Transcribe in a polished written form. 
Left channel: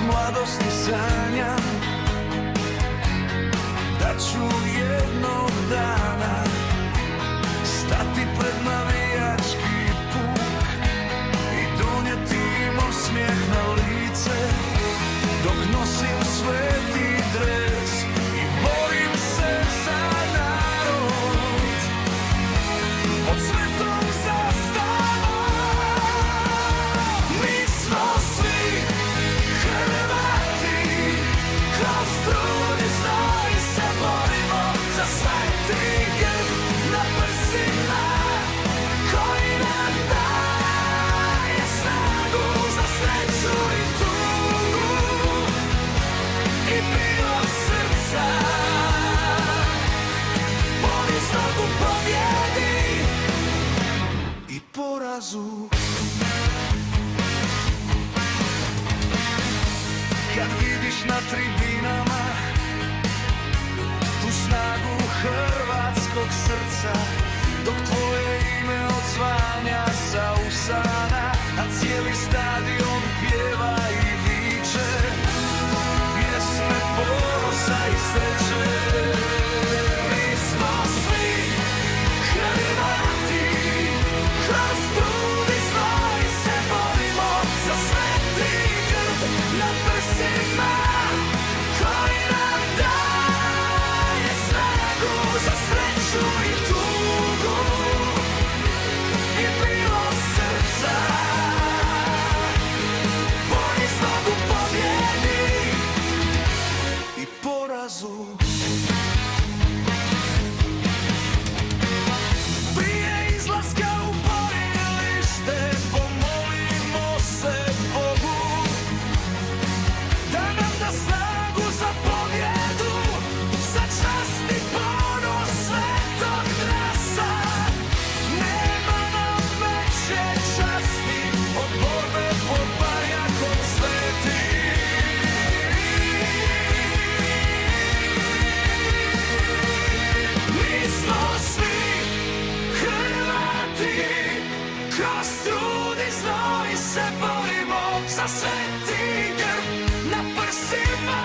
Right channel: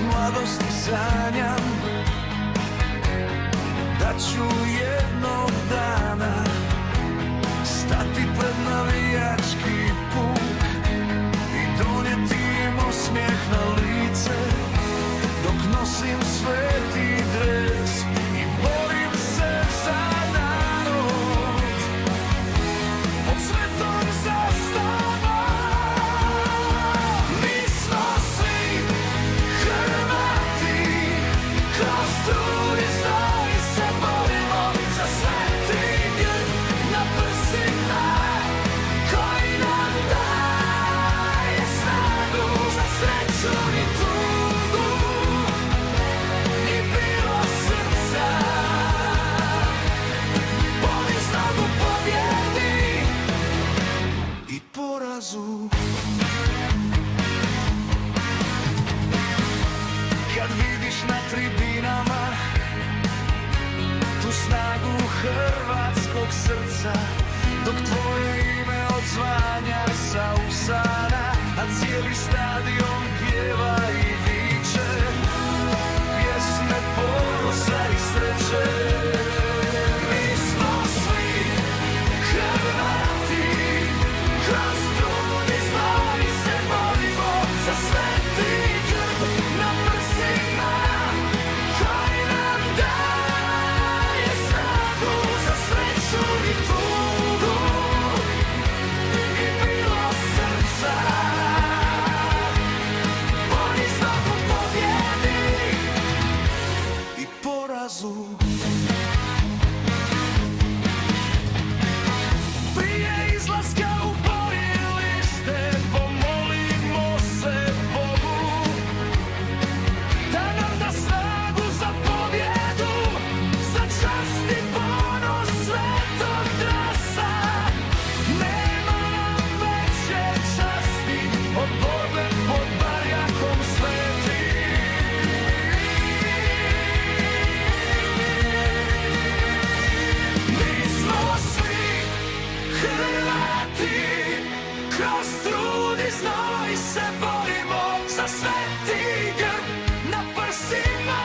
od mladosti sanjam da ću jednog dana stati pred navijački puk i donijeti im osmijeh na lice dok nosim sveti dres i borim se za narod pod svetom zastavom. Mi smo svi Hrvati, kroz trud i znoj se borimo za sveti grb na prsima koji nam daje snagu za sreću i tugu i bilo srca poniznog u pobjedi i porazu. Kad vidiš na tribinama tu snagu hrvatskog srca, dok tvoje ime odzvanja sa usana, a cijeli stadion pjeva i viče pjesme ponosa i sreće. Mi smo svi Hrvati, kroz trud i znoj se borimo za sveti grb na prsima koji nam daje snagu za sreću i tugu i bilo srca poniznog u pobjedi i porazu. Prije izlaska u borilište pomolimo se Bogu da nam da snagu za pobjedu, za čast i ponos svetog drasa. Nema nam veće časti od borbe pod barjakom sveti. Mi smo svi Hrvati, kroz trud i znoj se borimo za sveti grb na prsima